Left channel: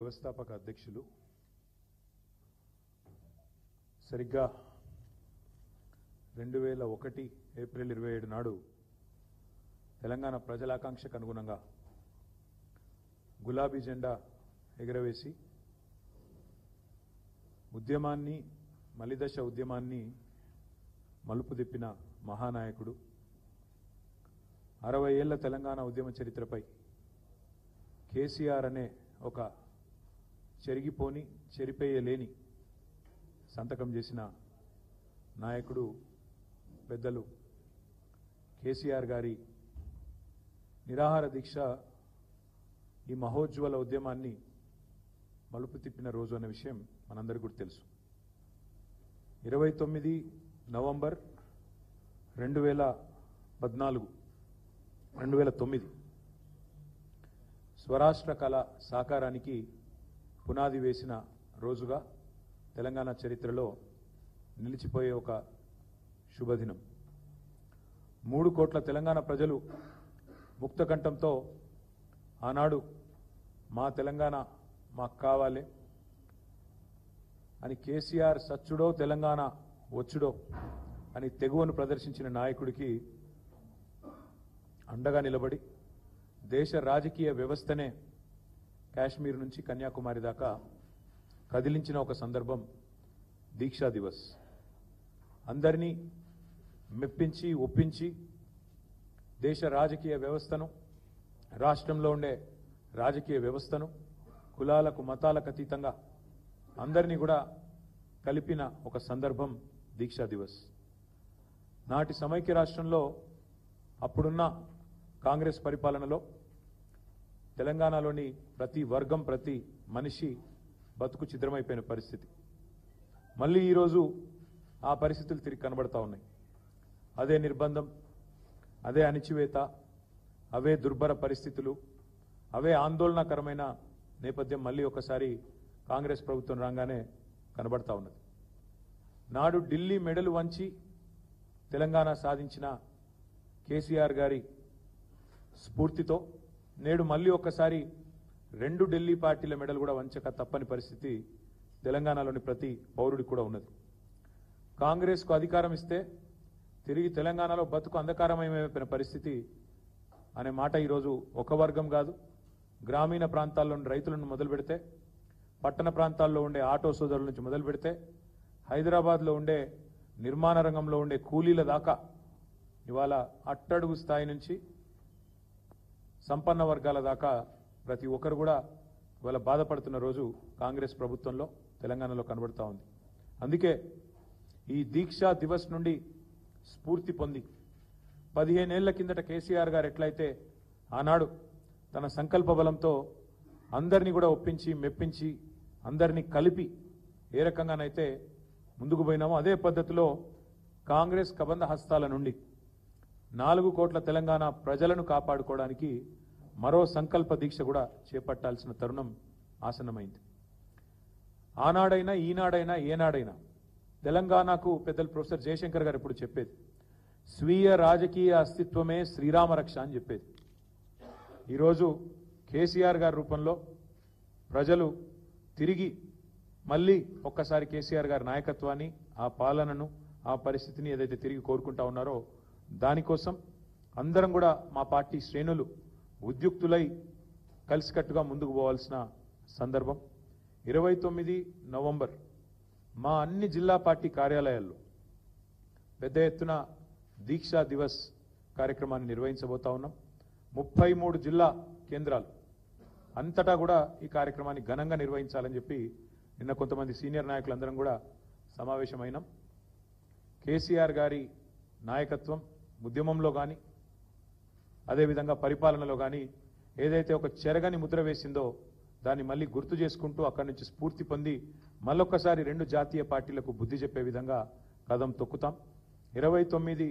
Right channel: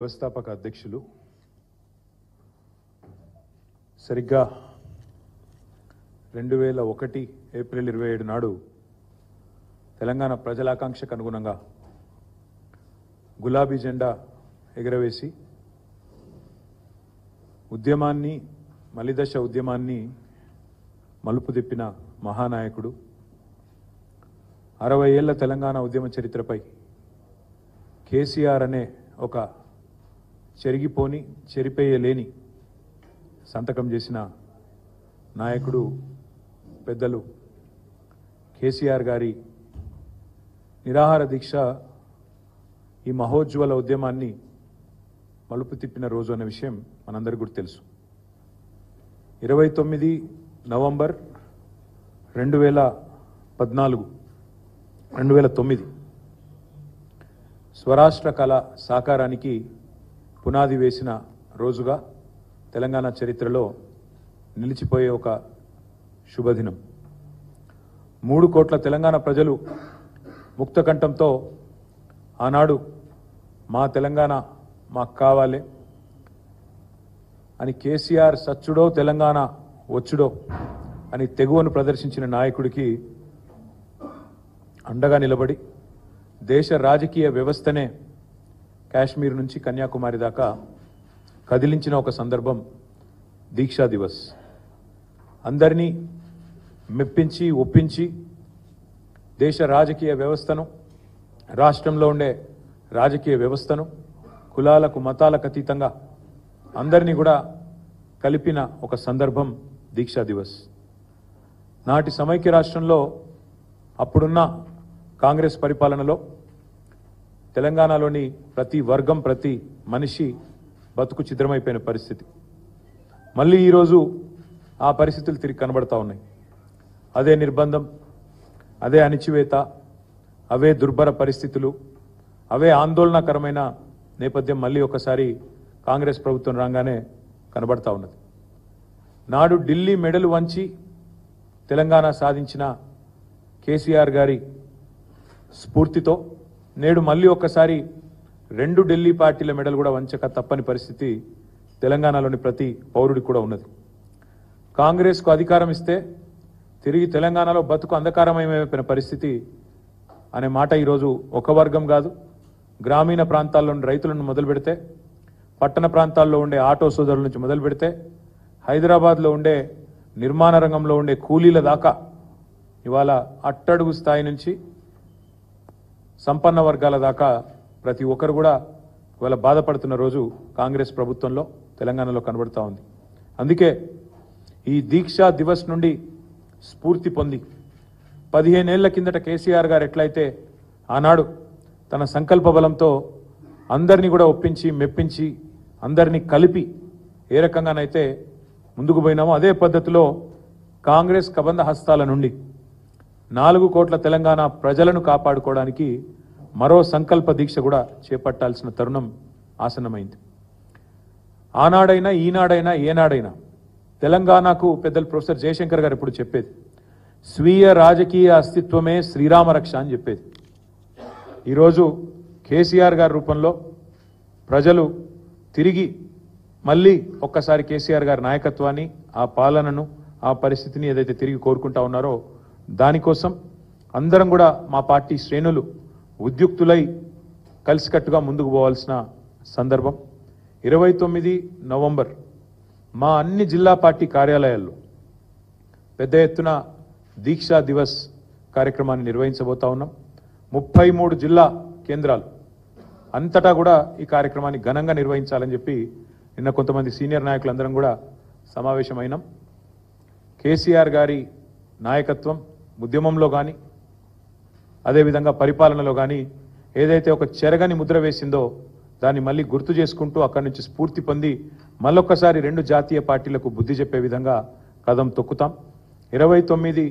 వ్యవస్థాపక అధ్యక్షులు సరిగ్గా 2001 ఏప్రిల్ 27 నాడు తెలంగాణ ప్రజల ఆకాంక్షకు అనుగుణంగా గులాబీ జెండా ఎగరవేసి ఉద్యమాన్ని మలిదశ ఉద్యమాన్ని మలుపు తిప్పిన మహానాయకుడు 60 ఏళ్ల తెలంగాణ ఉద్యమ చరిత్రపై కేసీఆర్ అనే ఒక చెరిగిపోని చెరిపేయలేని సంతకం చేసిన నాయకుడు పెద్దలు కేసీఆర్ గారి నిరాహార దీక్ష ఈ మహోజ్వల ఉద్యమాన్ని మలుపు తిప్పిన రోజు అనే విషయం మనందరికీ కూడా తెలుసు. 29 నవంబర్ 2009 స్వరాష్ట్ర కళ సాకారానికి పునాది వేసిన రోజుగా తెలంగాణ చరిత్రలో నిలిచిపోయే ఒక శుభదినం. 3 కోట్ల తెలంగాణ ప్రజలు ముక్తకంఠంతో ఆనాడు మా తెలంగాణ మాకు కావాలి అని కేసీఆర్ సచ్చుడో తెలంగాణ వచ్చుడో అని తెగువను ప్రదర్శించిన నాయకుడికి అండగా నిలబడి దేశ రాజకీయ వ్యవస్థనే కాశ్మీర్ నుంచి కన్యాకుమారి దాకా కదిలించిన ఒక సందర్భం దీక్షా దివస్. అందరినీ మెప్పించి ఒప్పించి దేశ రాజకీయ వ్యవస్థను, రాష్ట్రంలో ఉండే రాజకీయ వ్యవస్థను కులాలకు మతాలకు అతీతంగా అందరినీ కూడా కలిపిన ఒక సందర్భం దీక్షా దివస్. నాటి సమైక్య రాష్ట్రంలో అప్పుడున్న కాంగ్రెస్ పరిపాలనలో తెలంగాణలోని ప్రతి వర్గం, ప్రతి మనిషి బతుకు చిత్రమైపోయిన పరిస్థితి. మళ్ళీ ఈరోజు ఆ పరిస్థితులు తిరిగి కనబడతా ఉన్నాయి. అదే నిర్బంధం, అదే అణిచివేత, అవే దుర్భర పరిస్థితులు, అవే ఆందోళనకరమైన నేపథ్యం మళ్ళీ ఒకసారి కాంగ్రెస్ ప్రభుత్వం రాగానే కనబడతా ఉన్నది. నాడు ఢిల్లీ మెడలు వంచి తెలంగాణ సాధించిన కేసీఆర్ గారి స్ఫూర్తితో నేడు మళ్ళీ ఒక్కసారి 2 ఢిల్లీ పార్టీల మెడలు కూడా వంచక తప్పని పరిస్థితి తెలంగాణలోని ప్రతి పౌరుడికి కూడా ఉన్నది. కాంగ్రెస్కు అధికారం ఇస్తే తిరిగి తెలంగాణలో బతుకు అంధకారమయమైపోయిన పరిస్థితి అనే మాట ఈరోజు ఒక వర్గం కాదు, గ్రామీణ ప్రాంతాల్లోని రైతులను మొదలు పెడితే, పట్టణ ప్రాంతాల్లో ఉండే ఆటో సోదరుల నుంచి మొదలు పెడితే, హైదరాబాద్లో ఉండే నిర్మాణ రంగంలో ఉండే కూలీల దాకా ఇవాళ అట్టడుగు స్థాయి నుంచి సంపన్న వర్గాల దాకా ప్రతి ఒక్కరు కూడా ఇవాళ బాధపడుతున్న రోజు కాంగ్రెస్ ప్రభుత్వంలో తెలంగాణలో కనబడుతూ ఉంది. అందుకే ఈ దీక్షా దివస్ నుండి స్ఫూర్తి పొంది 15 ఏళ్ల కిందట కేసీఆర్ గారు ఎట్లయితే ఆనాడు తన సంకల్ప బలంతో అందరినీ కూడా ఒప్పించి మెప్పించి అందరినీ కలిపి ఏ రకంగానైతే ముందుకు పోయినామో అదే పద్ధతిలో కాంగ్రెస్ కబంధ హస్తాల నుండి 4 కోట్ల తెలంగాణ ప్రజలను కాపాడుకోవడానికి మరో సంకల్ప దీక్ష కూడా చేపట్టాల్సిన తరుణం ఆసన్నమైంది. ఆనాడైనా ఈనాడైనా ఏనాడైనా తెలంగాణకు పెద్దలు ప్రొఫెసర్ జయశంకర్ గారు ఇప్పుడు చెప్పేది స్వీయ రాజకీయ అస్తిత్వమే శ్రీరామ రక్ష అని చెప్పేది. ఈరోజు కేసీఆర్ గారి రూపంలో ప్రజలు తిరిగి మళ్ళీ ఒక్కసారి కేసీఆర్ గారి నాయకత్వాన్ని, ఆ పాలనను, ఆ పరిస్థితిని ఏదైతే తిరిగి కోరుకుంటా ఉన్నారో దానికోసం అందరం కూడా మా పార్టీ శ్రేణులు ఉద్యుక్తులై కలిసికట్టుగా ముందుకు పోవాల్సిన సందర్భం. 29 నవంబర్ మా అన్ని జిల్లా పార్టీ కార్యాలయాల్లో పెద్ద ఎత్తున దీక్షా దివస్ కార్యక్రమాన్ని నిర్వహించబోతా ఉన్నాం. 33 జిల్లా కేంద్రాలు అంతటా కూడా ఈ కార్యక్రమాన్ని ఘనంగా నిర్వహించాలని చెప్పి నిన్న కొంతమంది సీనియర్ నాయకులందరం కూడా సమావేశమైనాం. కేసీఆర్ గారి నాయకత్వం ఉద్యమంలో కానీ అదేవిధంగా పరిపాలనలో కానీ ఏదైతే ఒక చెరగని ముద్ర వేసిందో దాన్ని మళ్ళీ గుర్తు చేసుకుంటూ అక్కడి నుంచి స్ఫూర్తి పొంది మళ్ళొక్కసారి 2 జాతీయ పార్టీలకు బుద్ధి చెప్పే విధంగా కదం తొక్కుతాం. 29